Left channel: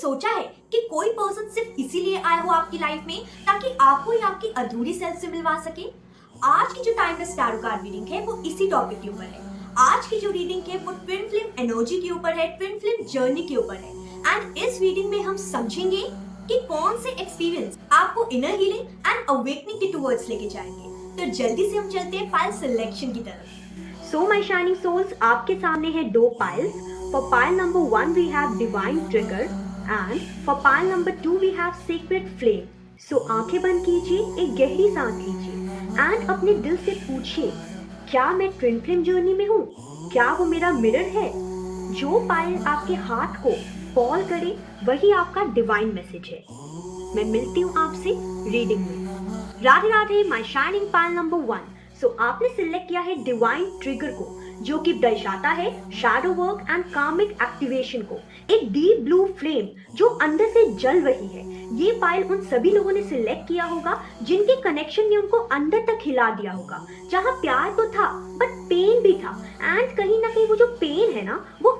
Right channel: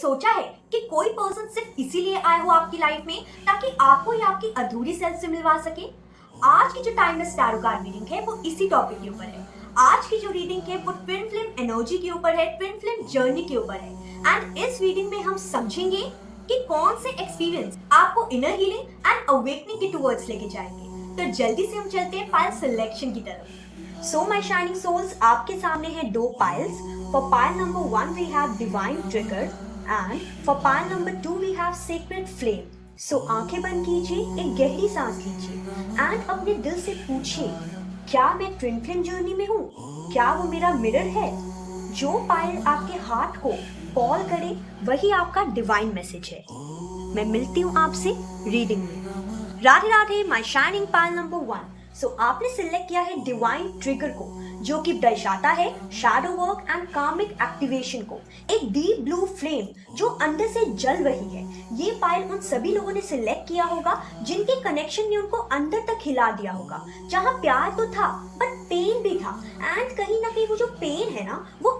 सोचा है कि कोई पर्सन सिर्फ इसीलिए आया हो आपकी लाइफ में ताकि आपको या आपकी अधूरी सेल्फ से मिलवा सके? आज की जो टाइमलेस टैरो कार्ड रीडिंग है वो इसी टॉपिक के ऊपर है। आज की जो रीडिंग है वो ट्विन फ्लेम एनर्जी के ऊपर है, ट्विन फ्लेम जर्नी के ऊपर है। एंड इस रीडिंग में हम समझेंगे कि कौन से एक्सपीरियंस आपको इनर हीलिंग एंड अवेकनिंग के टुवर्ड्स लेके जाएंगे। तो जल्दी से हम चलते हैं पाइल सिलेक्शन की तरफ। सो माय शाइनिंग सोल्स, आपके सामने है दो piles. For pile number 1 we have divine trigger and for pile number 2 we have secret flame. So आंखें बंद कीजिए, एक गहरी सांस लीजिए एंड अपने दिल से पूछिए, क्या मैं ट्विन फ्लेम जर्नी में हूँ? क्या वो मेरा मिरर है? जो पाइल आपके हार्ट को कॉल करे वही आपका डिवाइन मैसेज है। मैं मिलती हूँ आपसे रीडिंग में। Radhe Radhe my shining pile number 1। सो आपने सिलेक्ट किया है डिवाइन ट्रिगर को, जो कि दर्शाता है शैडो वर्क एंड कार्मिक एक्टिवेशन को। एक डीप ब्लू फ्लेम जो अंदर से जल रही है। ये पाइल उन सभी लोगों ने सिलेक्ट किया होगा जिनके कनेक्शन ने उनको अंदर तक हिला दिया होगा, जहाँ प्यार तो था बट पेन भी था। एंड कहीं ना कहीं वो जो पेन है ना, वो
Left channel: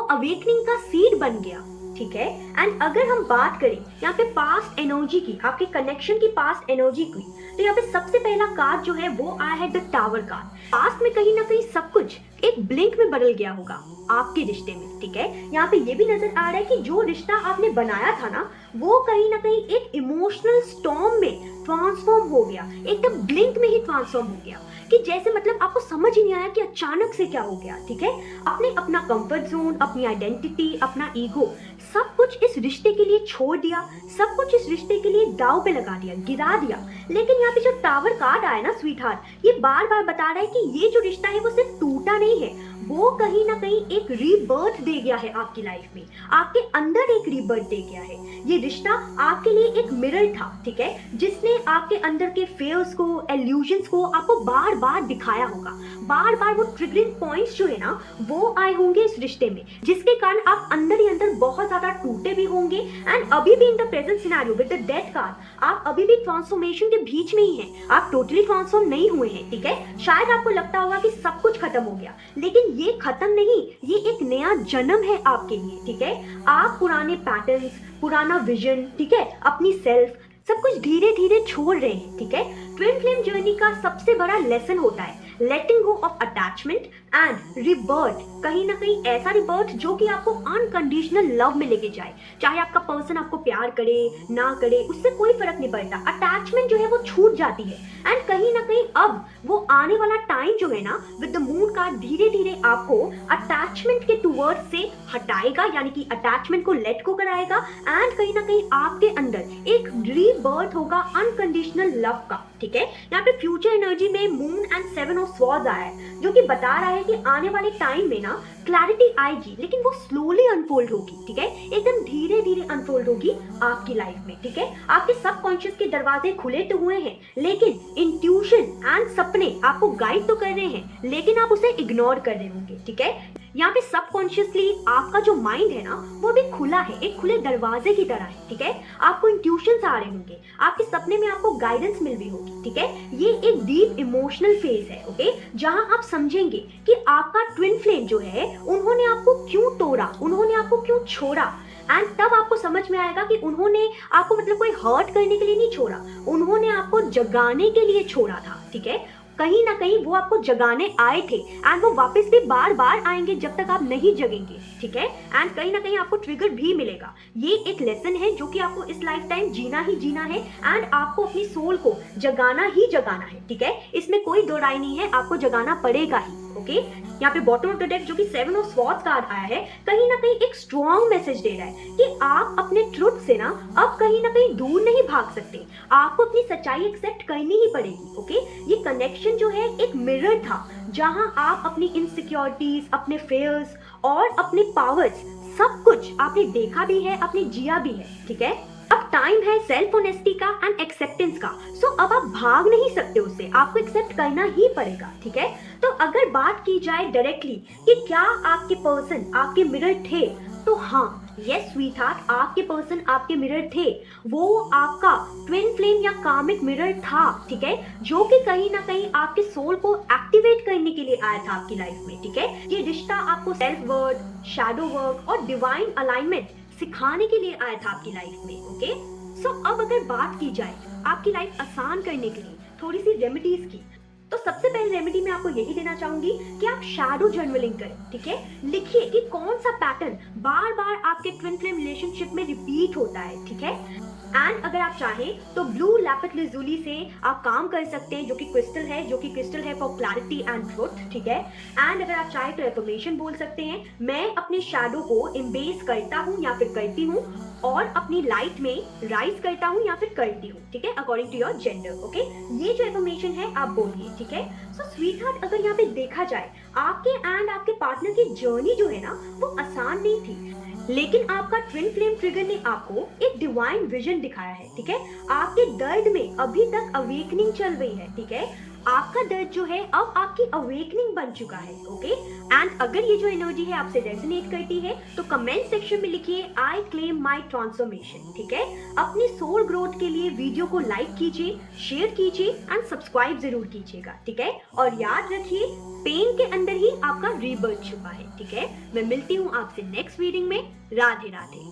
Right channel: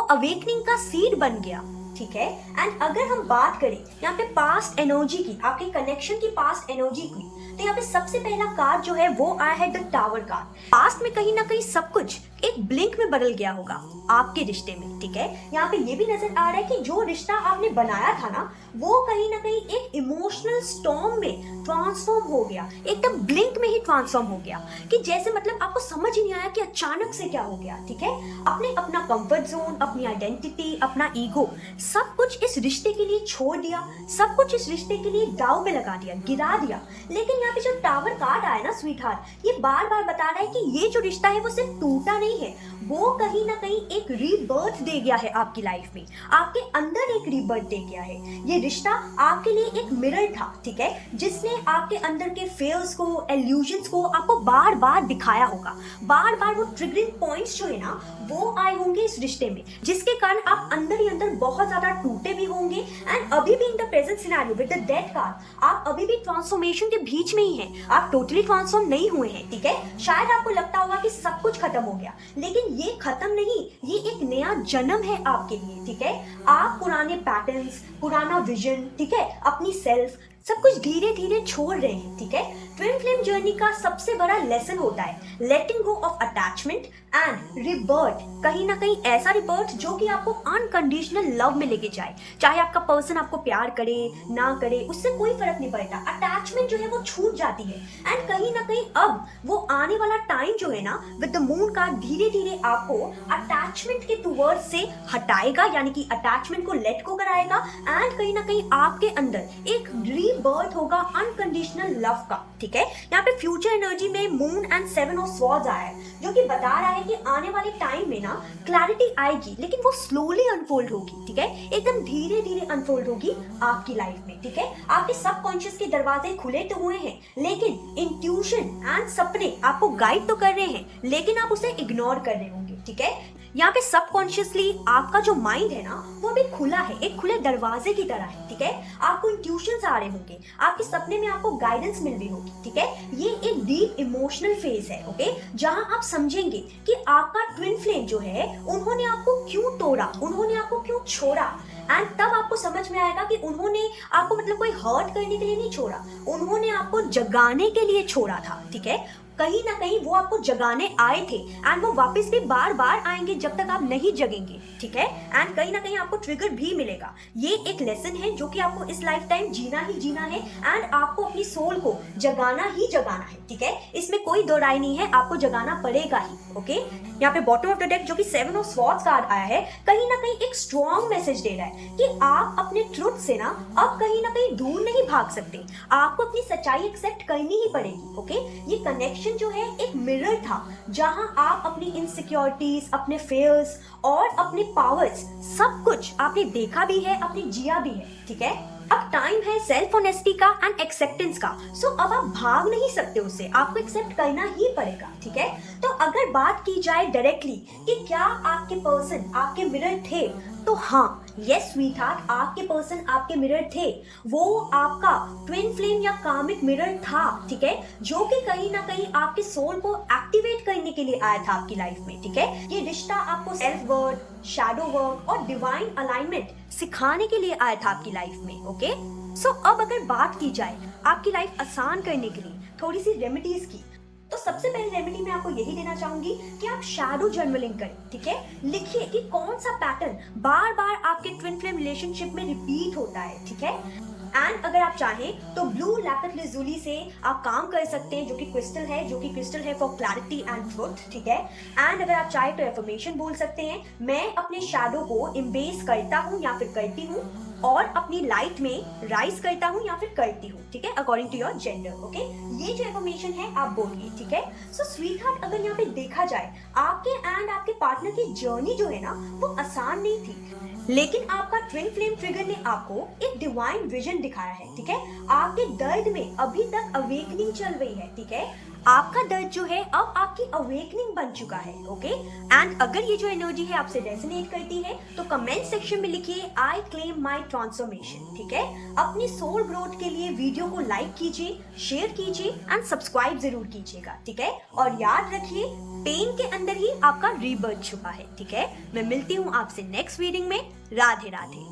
अवेकनिंग का सीड बन गया। ठीक है। एंड अगर हम बात करें यहाँ पे पास्ट एनर्जी की, आपके कनेक्शन की पास्ट एनर्जी की, तो यहाँ पे सबसे पहला कार्ड जो है वो आया है द टावर कार्ड। पास्ट में कहीं ना कहीं सब कुछ एक ब्लिंक में बदल गया होगा आपके रिश्ते में। ठीक है। यहाँ पे ये भी नजर आ रहा है कि जो रिश्ता आपने बनाया था ना, वो कहीं ना कहीं एक इमोशनल स्टॉर्म में ट्रांसफॉर्म हो गया, एकदम ब्लिंक में ही ट्रांसफॉर्म हो गया, कि जैसे मतलब आपको समझ ही नहीं आया कि अचानक से क्या हो गया। ठीक है। आपने अपना कंफर्ट जोन, अपनी आइडेंटिटी, अपना ईगो, सब कुछ इस रिश्ते के लिए छोड़ दिया, सब कुछ इस रिश्ते के लिए दाव पे लगा दिया, गिरा दिया। लेकिन यहाँ पे जो टावर कार्ड आया ना स्वीट हार्ट, ये बार बार बता रहा है कि ये जो रिश्ता है वो सिर्फ टूटा नहीं है, वो कहीं ना कहीं एक रीबर्थ दे गया है आपकी लाइफ में, आपके अंदर एक रीबर्थ दे गया है। ये रिश्ता आपके लिए एक मिरर था। ठीक है। जिसने आपके अंदर के फेयर्स को, इल्यूजन्स को आपको बार बार दिखाया होगा। बार बार वो ट्रिगरिंग पॉइंट्स जो है ना, वो आए होंगे इस रिश्ते में, जिसके कारण आप अंदर ही अंदर बहुत ज्यादा टूटे भी होंगे। एंड अभी भी in the present scenario with the death card, आप अभी भी ट्रांसफॉर्मेशन के बीच में ही हैं, आप टोटली ट्रांसफॉर्म नहीं हुए हैं। ठीक है। शायद आपको लगता होगा कि सब कुछ खत्म हो गया, लेकिन ये खत्म नहीं, ये एक नया जन्म है आपके लिए। ठीक है। आप पुराने पैटर्न्स, पुराना विजन, ठीक है, अपनी सेल्फ, सब कुछ धीरे धीरे छोड़ रहे हैं। ठीक है। ट्विन फ्लेम जर्नी का सबसे बड़ा लेसन होता है लेटिंग गो ऑफ अटैचमेंट एंड रिबर्थ। कहीं ना कहीं ऐसा रिबर्थ जो कि आपको अनकंडीशनल लव में लेके जाए। चाहे आपका पर्सन आपको प्यार करे ना करे, उससे कोई फर्क नहीं पड़ता। अटैचमेंट जो है वो छूट जाती है। एंड कहीं ना कहीं अब वो आने वाला टाइम जो है ना, विद द मून कार्ड, धीरे धीरे आपको अटैचमेंट के टुवर्ड से हटाएगा, यानी कि अटैचमेंट को लेट को कराएगा। एंड कहीं ना कहीं आपके अंदर एक रीबर्थ होगा अनकंडीशनल लव का। ठीक है। यहाँ पे फ्यूचर एनर्जी में मून एंड 7 ऑफ स्वॉर्ड्स आया है, जो कि बता रहा है कि आने वाले टाइम में ना क्लैरिटी आएगी, लेकिन वो स्लोली अनफोल्ड होगी। ठीक है। एकदम धीरे धीरे अनफोल्ड होगी आपकी लाइफ में। ठीक है। आपके सबकॉन्शियस के दरवाजे खुले तो हुए हैं, लेकिन इंट्यूशन एंड सपने आपको गाइड तो कर रहे हैं, लेकिन आप उसे इग्नोर कर रहे होंगे। ठीक है। यहाँ पे सबकॉन्शियसली आपका जो माइंड है ना, वो भी खुला है, एक खुले दरवाजे की तरह है। ठीक है। आपको इंट्यूशंस आ रहे होंगे, आपके सपने में आपको गाइडेंस मिल रही होगी। ठीक है। ये एक डीप इमोशनल फेज है। ओके। जहां आप समझेंगे कि आपका ट्विन फ्लेम जो है, उन्होंने आपको क्यों तोड़ा, उन्होंने आपको क्यों छोड़ा। एंड तब आपको समझ में आएगा कि उन्होंने आपको मतलब कोई हर्ट करने के लिए नहीं छोड़ा, उन्होंने आपको जगाने के लिए छोड़ा था। ठीक है। कहीं ना कहीं वो आपको जगाने आए थे एंड वो वापस भी बार बार आएंगे जब तक आप नहीं जगेंगे। ठीक है। एंड कहीं ना कहीं आपको ट्रिगर भी मिलेगा। ये एक लेसन है जो कि आपको इस लाइफ टाइम जीना ही जीना है एंड आपको अपनी सोल को जगाना ही जगाना है। ठीक है। इसमें कोई दो राय नहीं है, आपको जगाना पड़ेगा ही। ओके। यहाँ पे बॉटम ऑफ द डेक जो कि 7 ऑफ स्वॉर्ड्स कार्ड आया है, कहीं ना कहीं एक स्ट्रॉन्ग मैसेज दे रहा है कि आप अपने ट्रुथ से ना अब कहीं ना कहीं दूर नहीं भाग सकते, आपको अपनी सच्चाई एक्सेप्ट करनी ही पड़ेगी। ओके। ये कनेक्शन जो है एक मिरर था, जहां आप अपनी इनसिक्योरिटीज, अपने फेयर्स और अपने पावर्स, सब कुछ आपने देखा भी है, आपने जिया भी है। ठीक है। अब टाइम है सेल्फ ऑनेस्टी का एंड एक्सेप्टेंस का। सो अब आप भाग नहीं सकते उससे, आपको एक्सेप्ट करना ही पड़ेगा। ठीक है। तो अगर बात की जाए डायरेक्टली कि क्या आपके पर्सन आपके मिरर थे, तो हाँ, यस स्वीट हार्ट, आपके पर्सन आपके मिरर थे। वो आपका ट्विन फ्लेम या कार्मिक मिरर था। ठीक है। जो कि कहीं ना कहीं आपके सोल को एक्टिवेट करने के लिए आया था आपकी लाइफ में। ठीक है। ये रिश्ता आपको सेल्फ वर्थ, शैडो वर्क और डिवाइन अलाइनमेंट सिखाने के लिए आया था आपकी लाइफ में। ओके, सो अब अगर बात की जाए आपकी लाइफ आसान करने के लिए थोड़ी सी रेमेडीज की, तो सबसे पहले रेमेडी मैं आपको यही देना चाहूंगी कि आप शैडो जर्नलिंग करें। ठीक है, लिखिए कि कौन सा पैटर्न बार बार आपके ट्विन फ्लेम रिलेशनशिप में रिपीट होता है। ठीक है, एंड अगर आप चाहें तो ब्लू लैपिस lazuli से आप काम कर सकते हैं, जो कि क्रिस्टल है फॉर क्लैरिटी एंड ट्रुथ। ठीक है, एंड अगर आप चाहें तो एफर्मेशन बोल सकते हैं, मैं अपने शैडो को एम्ब्रेस करता हूँ या फिर करती हूँ, और अपनी लाइट में राइज करता हूँ या फिर करती हूँ। ठीक है, according to your gender. Okay, ये जो इन्फॉर्मेशन है आप बोलिए। ठीक है, सो स्वीट हार्ट, अगर यहाँ पे देखा जाए आपके एंड आपके पार्टनर की जर्नी जो है ना वो आसान नहीं थी, लेकिन आपका ट्विन फ्लेम ट्रिगर ने आपको एक डिवाइन विजन दिखाया है। ठीक है, आपके दर्द में अभी तक अवेकनिंग चल रही है। ठीक है, आपका दर्द जो है अब आपकी अवेकनिंग बन चुका है। ओके, एंड अगर ये जो एनर्जी है आपसे रेजोनेट करती है तो कमेंट सेक्शन में लिखिए आई क्लेम माई ट्रांसफॉर्मेशन। ठीक है, अपनी सोल ग्रोथ के लिए वीडियो को लाइक कीजिए, शेयर कीजिए एंड सब्सक्राइब जरूर कीजिएगा। ठीक है, और याद रखिए पेन के अंदर ही आपका रीबर्थ छुपा है। ठीक है, मैं मिलती हूँ आपसे नेक्स्ट रीडिंग में। Radhe Radhe.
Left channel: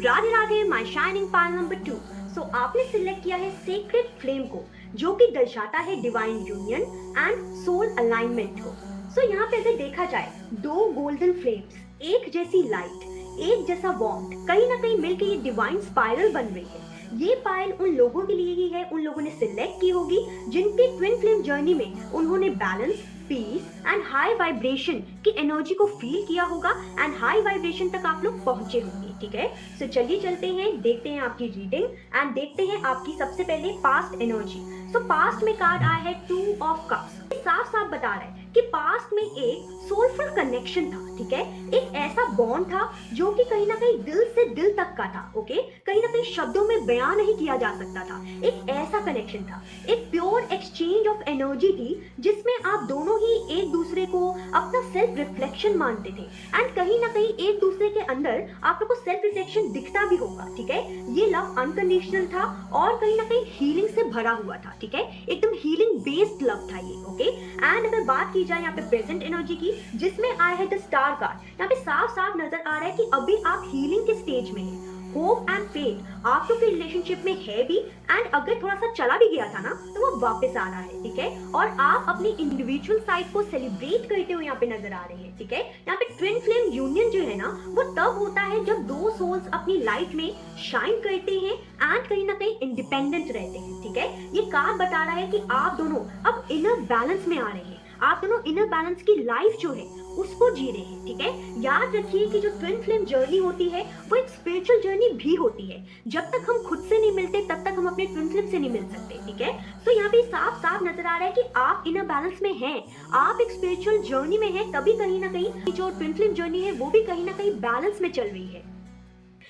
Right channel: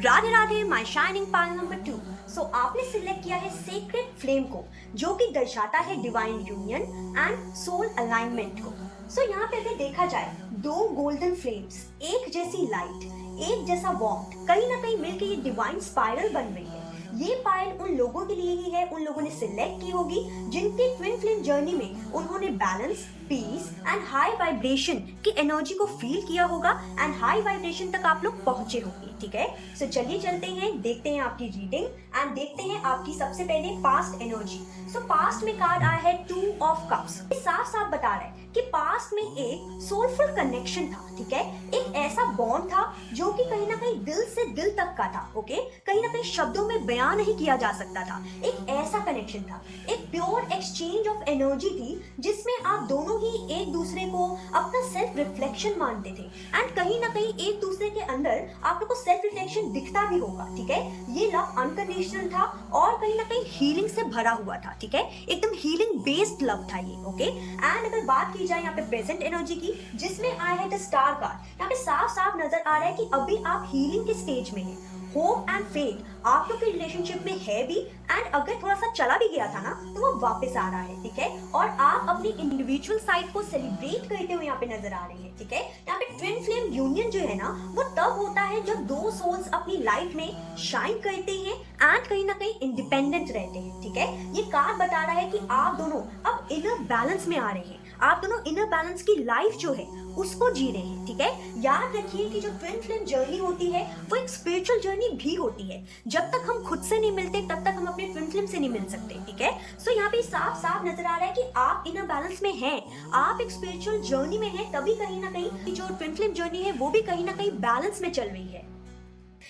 Radhe Radhe my shining pile number 2। सो आपने सिलेक्ट किया है सेक्रेड फ्लेम को, जो कि दर्शाता है divine union and soul alignment को। सो यहाँ पे अगर देखा जाए दो गोल्डन फ्लेम्स, एक जैसी लाइट, एक जैसा वार्मथ, कहीं ना कहीं मिलकर ये डिवाइन स्पाइरल बन रही है। ये पायल उन लोगों के लिए ही है, उन लोगों ने सिलेक्ट की होगी जिनके ट्विन फ्लेम जर्नी में उन्होंने balance, peace and high vibration की एनर्जी को फील किया होगा एंड हाई वाइब्रेशन तक आप लोग पहुंचे होंगे। ठीक है, सो चलिए चलते हैं, देखते हैं आपकी रीडिंग एंड देखते हैं आपकी सबसे पहले पास्ट एनर्जी। सो पास्ट में कार्ड आया है 2 ऑफ कप्स। साफ साफ बता रहा है कि पास्ट में एक सोलफुल कनेक्शन था। ठीक है, एक ऐसा बॉन्ड था जो कि कहीं ना कहीं दिल से दिल तक का था। ओके, कहीं ना कहीं शब्दों में बयान नहीं किया जा सकता था। एक ऐसा कनेक्शन था, एक प्योर एक्सचेंज ऑफ एनर्जी थी जिसमें आप दोनों ही एक दूसरे को अपना सेल्फ रिफ्लेक्शन मानते थे एंड कहीं ना कहीं एक दूसरे के अंदर आप लोग को सेल्फ रिफ्लेक्शन दिखता भी होगा। ठीक है, ये लव अनकंडीशनल था और कहीं ना कहीं हीलिंग से भरा हुआ था। ठीक है, एकदम हीलिंग बेस्ड लव था ये। ओके, एंड अगर बात की जाए यहाँ पे प्रेजेंट एनर्जी की, जिसमें आया है द स्टार कार्ड, यहाँ पे साफ साफ नजर आ रहा है कि अभी आप हीलिंग के स्टेज में हैं। होप एंड फेथ आप लोग के रिलेशनशिप में है भी, एंड अगर थोड़ा सा चला भी गया था ना तो वो वापस आ रहा है। ठीक है, और आप अपनी इंडिविजुअल साइड को सेलिब्रेट करते हुए यहाँ पे नजर आ रहे हैं। ठीक है, यहाँ पे ट्विन फ्लेम यूनियन जो है ना वो तब होता है जब दो सोल्स अपनी लाइफ में शाइन करते हैं एंड कहीं ना कहीं इंडिपेंडेंट रहते हैं। ठीक है, ये कार्ड बता रहा है कि आप दोनों अब इनर बैलेंस में आ रहे हैं, आप दोनों इनर बैलेंस की लाइफ जो है उसको जी रहे हैं। ठीक है, याद रखिए कि जो ट्विन फ्लेम जर्नी होती है वो एक स्पिरिचुअल जर्नी भी होती है। जब तक हम खुद से नहीं मिलते तब तक हम अपने ट्विन फ्लेम से नहीं मिल सकते। ठीक है, सो यहाँ पे साफ साफ नजर आ रहा है कि आप इनर बैलेंस में हैं, आप एक स्पिरिचुअल जर्नी में हैं, तभी कहीं ना कहीं जो ट्विन फ्लेम जर्नी है वो भी कहीं ना कहीं बैलेंस में चल रही है।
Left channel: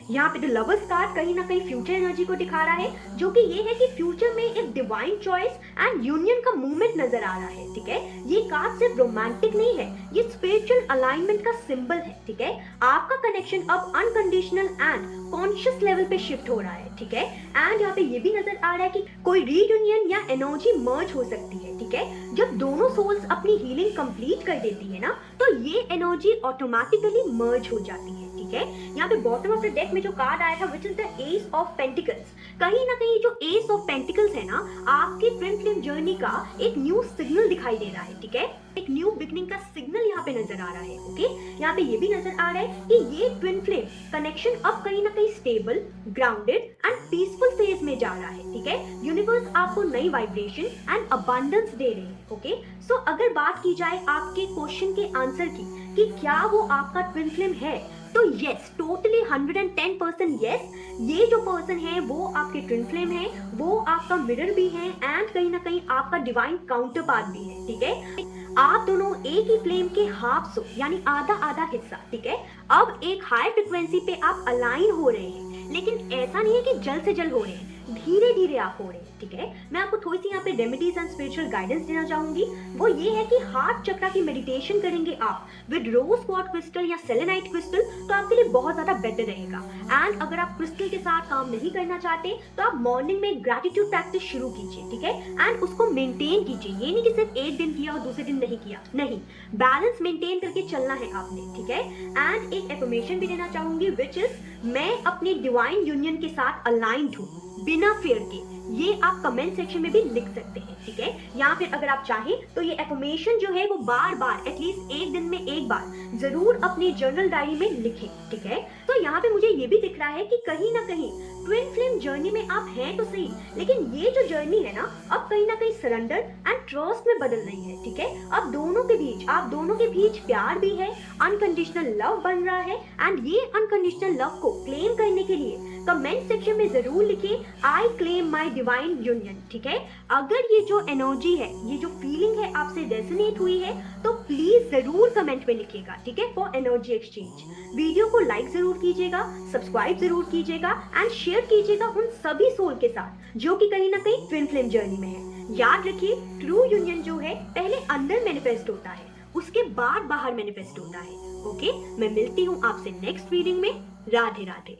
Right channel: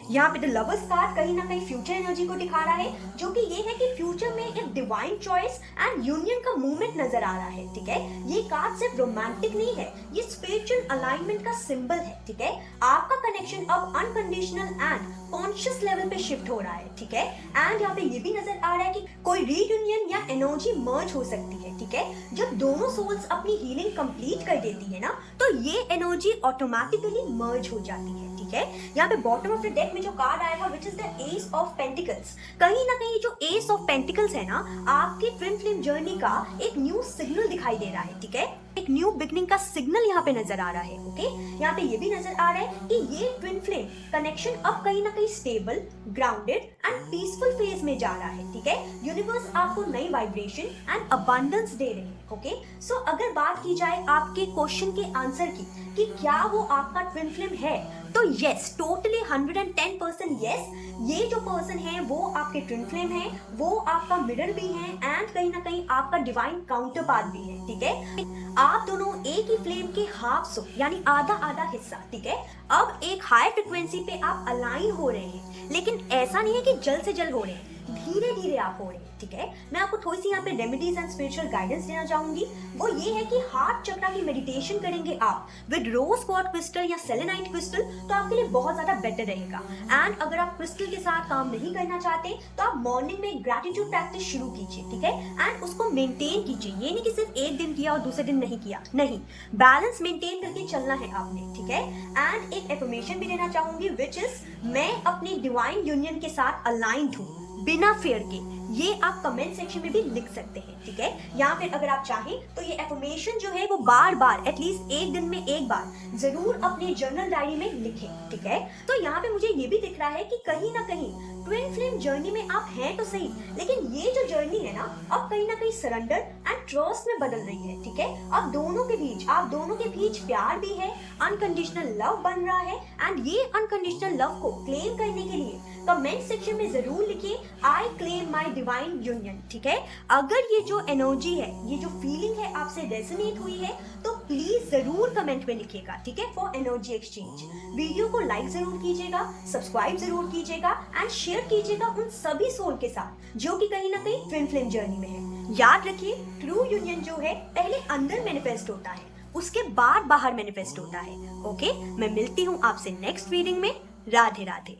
यहाँ पे द लवर्स कार्ड कहीं ना कहीं फ्यूचर एनर्जी को दिखा रहा है, जो कि ये है कि फ्यूचर में एक डिवाइन चॉइस एंड यूनियन का मूवमेंट नजर आ रहा है। ठीक है, ये कार्ड सिर्फ रोमांटिक नहीं है, ये स्पिरिचुअल अलाइनमेंट का सिंबल है। ठीक है, आपका कनेक्शन अब अनकंडीशनल एंड कॉन्शियस लेवल पे शिफ्ट हो रहा है। ठीक है, एंड यहाँ पे ये भी नजर आ रहा है कि कोई रीयूनियन या एनर्जी मर्ज हो सकती है। ठीक है, जब दोनों सोल्स अपनी हीलिंग कंप्लीट कर देती है ना तो ये एनर्जी ऑटोमेटिकली मर्ज हो जाती है। ठीक है, यहाँ पे बॉटम ऑफ द डेक में जो कार्ड आया था which is the S of pentacles, कहीं ना कहीं जो एस ऑफ पेंटिकल्स है ना आपकी ट्विन फ्लेम जर्नी का एक न्यू सिग्नल दिखाई दे रहा है। ठीक है, एक न्यू बिगनिंग का सिग्नल यहाँ पे नजर आ रहा है। ओके, यहाँ पे ये भी नजर आ रहा है कि ये ट्विन फ्लेम कनेक्शन अब कहीं ना कहीं stable, grounded and peaceful phase में जा रहा है। ठीक है, यूनिवर्स आपको नई वाइब्रेशन एंड अबंडेंस दे रहे हैं। ओके, सो अगर बात की जाए आपके क्वेश्चन के आंसर की कि क्या वो आपका ट्विन फ्लेम है, तो यस, टोटली 110% यस, ये जो पर्सन है वो आपके ट्विन फ्लेम है, वो आपका मिरर भी है एंड कहीं ना कहीं आपका डिवाइन काउंटर पार्ट भी है। ठीक है, आप दोनों एक ही फ्लेम के हाफ सो यानी आधा आधा हिस्सा। ठीक है, अब एक हाई फ्रिक्वेंसी पे आप अलाइन हो रहे हैं, लेकिन ऐसा नहीं है कि जल्द से जल्द हो रहे हैं, धीरे धीरे आप हो रहे हैं, ठीक है। मैं आपको थोड़ी सी यहाँ पे रेमेडीज एंड स्पिरिचुअल गाइडेंस देना चाहूंगी। वो ये है कि हार्ट चक्रा की मेडिटेशन करेंगे आप विद रोज क्वार्ट्ज क्रिस्टल या सेलेनाइट क्रिस्टल, तो आपके लिए बहुत ज्यादा बेटर रहेगा। एंड अगर आप क्रिस्टल के साथ काम नहीं करना चाहते तो आप मॉर्निंग में ग्रेटिट्यूड प्रैक्टिस शुरू कीजिए, ठीक है। एंड उसको मेंटेन कीजिए, ये नहीं कि सिर्फ एक दिन किया और दूसरे दिन नहीं किया, नहीं, बैलेंस मेंटेन करके चलना है आपने, ठीक है। एंड एक एफर्मेशन भी देना चाहूंगी विच इज, मैं अपनी डिवाइन यूनियन के साथ अलाइंड हूँ बिना फेयर के। ये आप कमेंट सेक्शन में भी लिख सकते हैं, ठीक है। या फिर अगर आप चाहें तो ये एफर्मेशन जो है वो बार बार एटलीस्ट एक दिन में एक बार जरूर अपनी जर्नल डायरी में लिखें, ठीक है। तो यहाँ पे मुझे ये भी दिख रहा है कि कहीं ना कहीं ट्विन फ्लेम जर्नी में आप हैं तो सही, लेकिन ये जो जर्नी है ना अब कहीं ना कहीं सरेंडर एंड ट्रस्ट में बदल रही है, ठीक है। अब दोनों के बीच, आप दोनों के बीच प्यार भी है, अनकंडीशनल लव बन रहा है। एंड ये अनकंडीशनल लव को क्लेम करने के लिए कमेंट सेक्शन में जरूर लिखिए I claim my divine union, ठीक है। अगर ये जो एनर्जी है, ये जो फीलिंग है आपसे रेजोनेट हुई है तो प्लीज जरूर कमेंट में लिखिएगा, ठीक है, फॉर एनर्जी एक्सचेंज। वीडियो को लाइक जरूर कीजिएगा, सब्सक्राइब जरूर कीजिएगा एंड शेयर कीजिएगा उन सभी सोल के साथ जो कि कहीं ना कहीं ट्विन फ्लेम जर्नी में है। याद रखिए, ट्रू यूनियन जो है पहले अंदर मैनिफेस्ट होता है, उसके बाद बाहर मैनिफेस्ट होता है। ओके, मैं मिलती हूँ आपसे नेक्स्ट रीडिंग में। राधे राधे।